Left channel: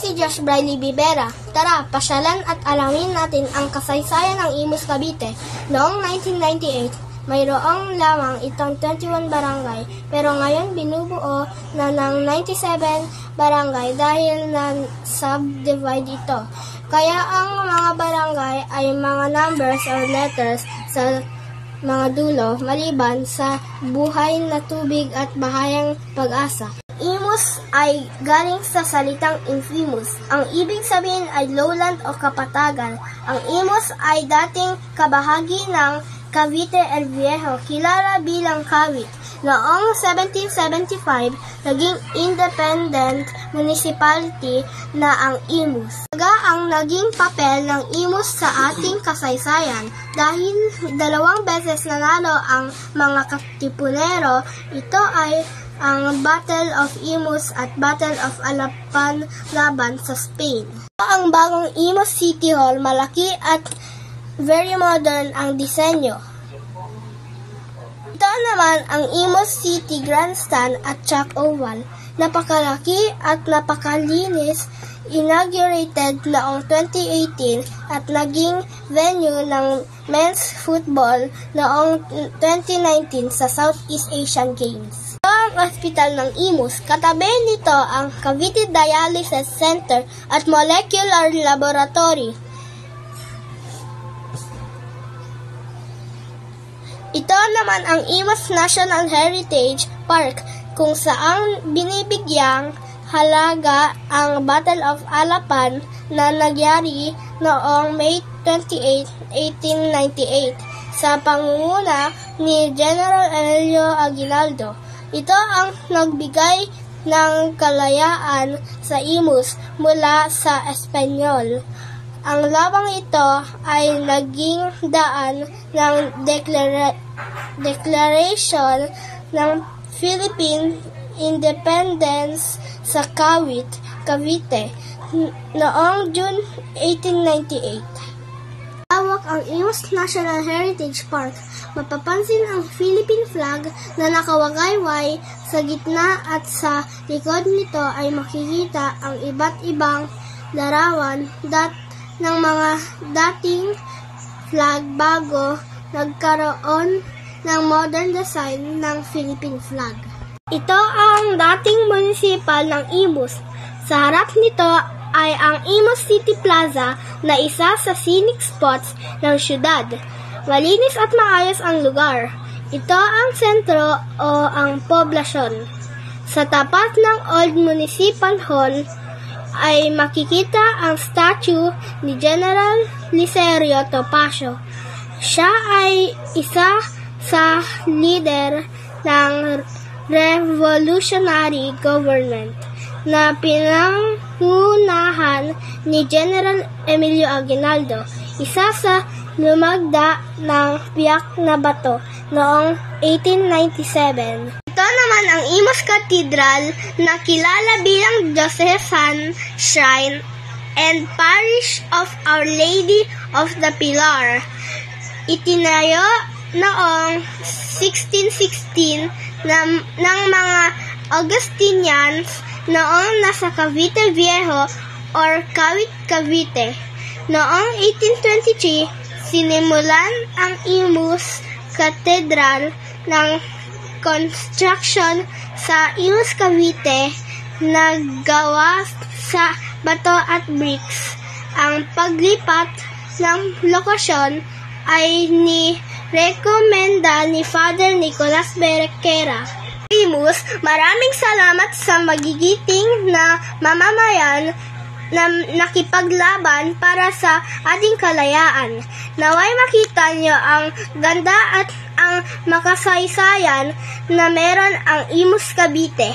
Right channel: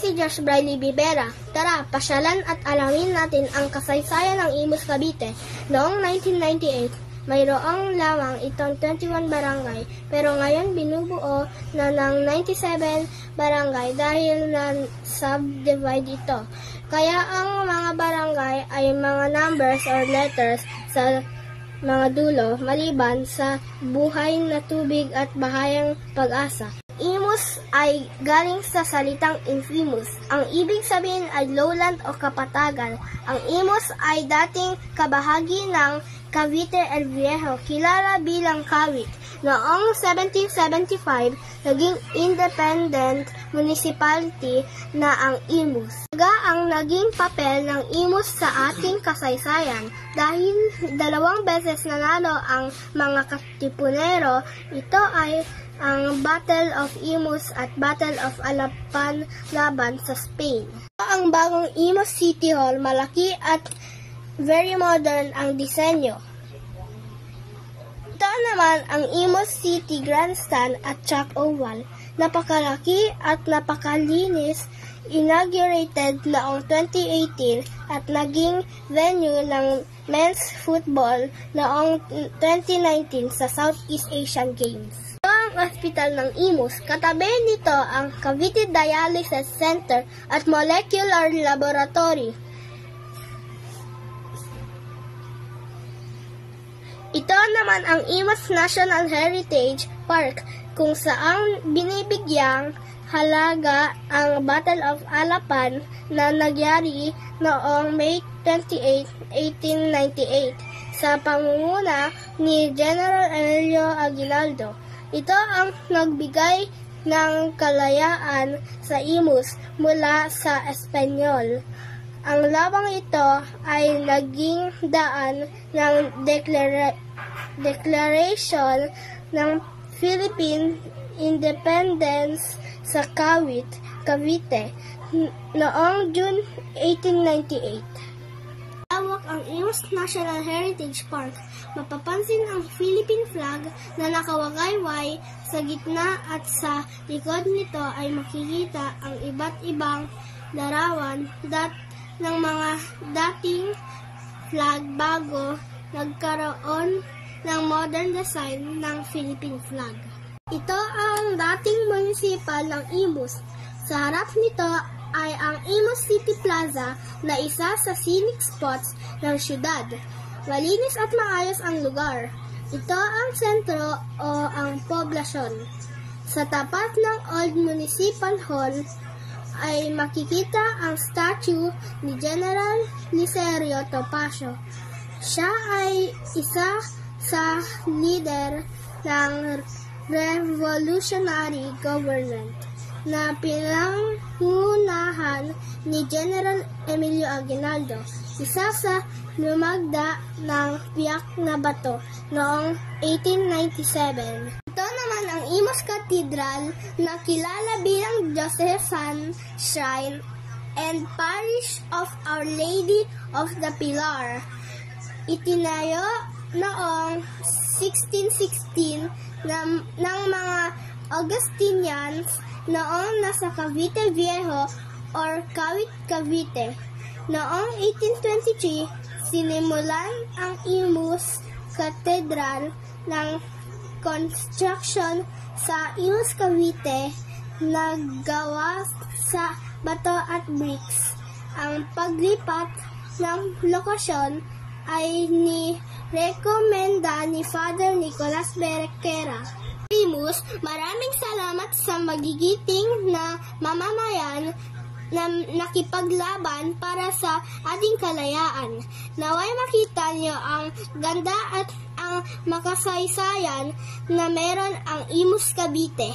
Si Josh Briley Bibera. Tara, pasyalan at alamin natin ang kasaysayan ng Imus Cavite. Noong 1998, mayroong lamang itong 21 barangay, pero ngayon binubuo na ng 97 barangay dahil na-subdivide ito. Kaya ang mga barangay ay mga numbers or letters sa mga dulo, maliban sa buhay na tubig at bahayang pag-asa. Imus ay galing sa salitang infamous. Ang ibig sabihin ay lowland o kapatagan. Ang Imus ay dating kabahagi ng Cavite el Viejo, kilala bilang Cavite. Noong 1775, naging independent municipality na ang Imus. Ang naging papel ng Imus sa ating kasaysayan dahil 2 beses nanalo ang mga Katipunero. Ito ay ang Battle of Imus at Battle of Alapan laban sa Spain. Ang bagong Imus City Hall, malaki at very modern ang disenyo. Ito naman ang Imus City Grandstand at Chalk Oval. Napakalaki at napakalinis, inaugurated noong 2018 at naging venue ng men's football noong 2019 sa Southeast Asian Games. Ito ang ospital ng Imus. Katabi nito ang Cavite Dialysis Center at Molecular Laboratory. Ito naman ang Imus National Heritage Park, kung saan binibigyang halaga ang Battle of Alapan na nagyari noong May 28, 1898 sa pangunguna ni General Emilio Aguinaldo. Ito ang nagbigay ng kalayaan sa Imus mula sa Espanyol. Ang labang ito ay naging daan ng Declaration ng Philippine Independence sa Cavite noong June 1898. Hawak ang Imus National Heritage Park. Mapapansin ang Philippine flag na nakawagayway sa gitna at sa likod nito ay makikita ang iba't ibang larawan ng mga dating flag bago nagkaroon ng modern design ng Philippine flag. Ito ang dating municipal ng Imus. Sa harap nito ay ang Imus City Plaza na isa sa scenic spots ng syudad. Malinis at maayos ang lugar. Ito ang sentro o ang poblasyon. Sa tapat ng Old Municipal Hall ay makikita ang statue ni General Licerio Topacio. Siya ay isa sa leader ng revolutionary government na pinangunahan ni General Emilio Aguinaldo, isa sa lumagda ng Piak na Bato noong 1897. Ito naman ang Imus Cathedral na kilala bilang Diocesan Shrine and Parish of Our Lady of the Pilar. Itinayo noong 1616 ng mga Augustinians noong nasa Cavite Viejo or Cavite. Noong 1823, sinimulan ang Imus Cathedral ng construction sa Imus Cavite na gawa sa bato at bricks. Ang paglipat ng lokasyon ay ni-rekomenda ni Father Nicolas Berequera. Imus, maraming salamat sa magigiting na mamamayan na nakipaglaban para sa ating kalayaan. Naway makita nyo ang ganda at ang makasaysayan na meron ang Imus Cavite.